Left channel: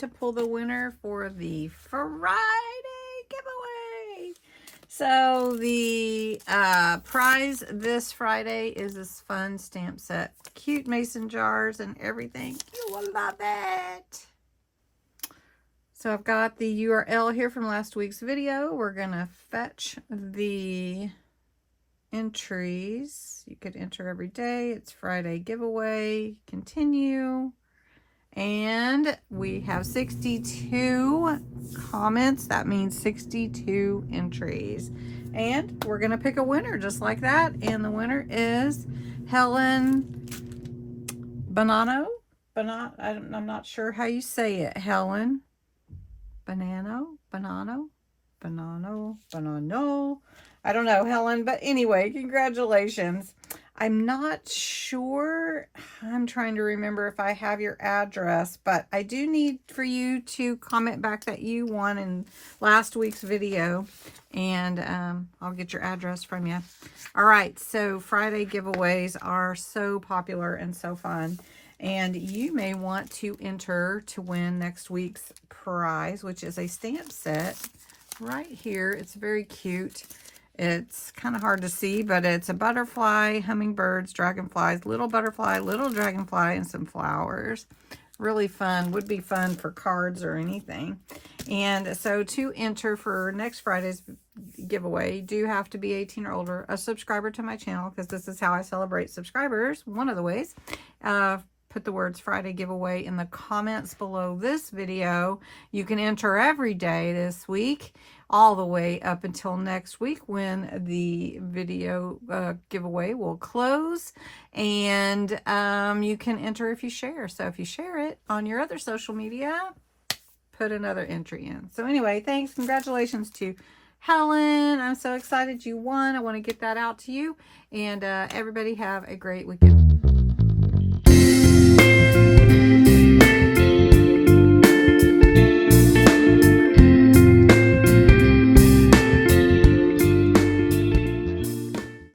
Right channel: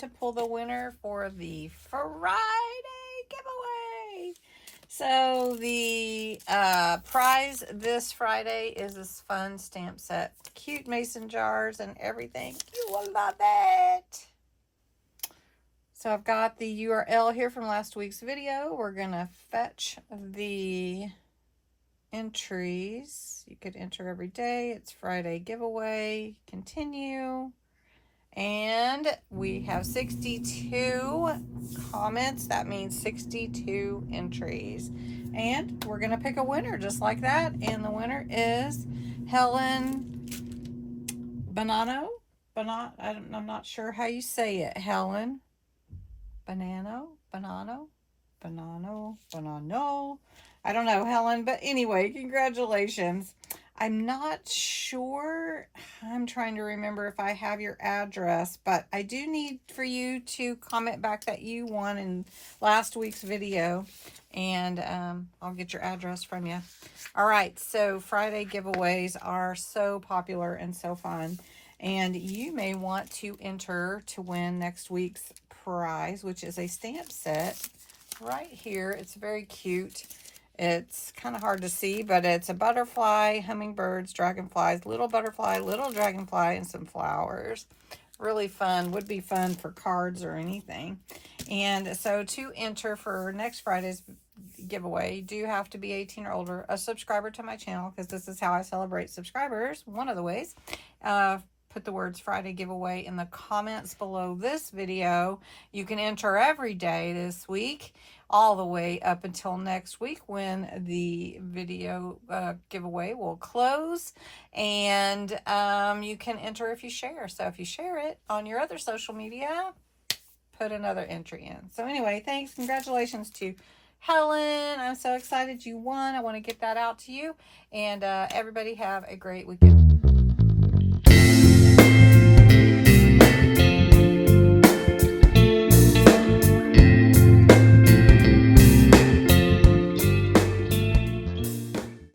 to pull the winner for the Friday giveaway. So the prize this Friday is this fun stamp set. Cute mason jars and everything. You will love it. So I've got the URL here from last week's video. We're going to fetch the entries. You could enter every day. It's Friday giveaway. Continue. And we have 62 comments. That means 62 entries. And we're going to pick a winner just like that. And the winner is Helen Bonanno. I'm not sure how you say it. Helen Bonanno. I don't know, Helen, but anyway, congratulations. I'm not sure. I'm trying to remember if I have your address, but I do need for you to comment back that you won in last week's video, and I'll get your address from you. All right, so Friday giveaways are so popular and so fun, and you may want to enter to win next week's prize, which is a stamp set right here. It's very cute. It's kind of hard to see, but it's a butterfly, hummingbirds, dragonflies, little butterfly, little dragonfly, and some flowers. Really fun. Would be fun for cards or anything. And so to enter for next Friday's giveaway, you do have to be 18 or older, a subscriber to my channel, because this is how I celebrate subscribers. One of the ways. Put the words Friday giveaway in the comments below this video. You can enter every day this week, all the way up until next week when the video giveaway will close. And you can enter if you share. So if you share it on your other social media, put another entry in. So anyway, thanks. Congratulations to Helen. I'm so excited you won. I want to get that out to you. And everybody have a great weekend.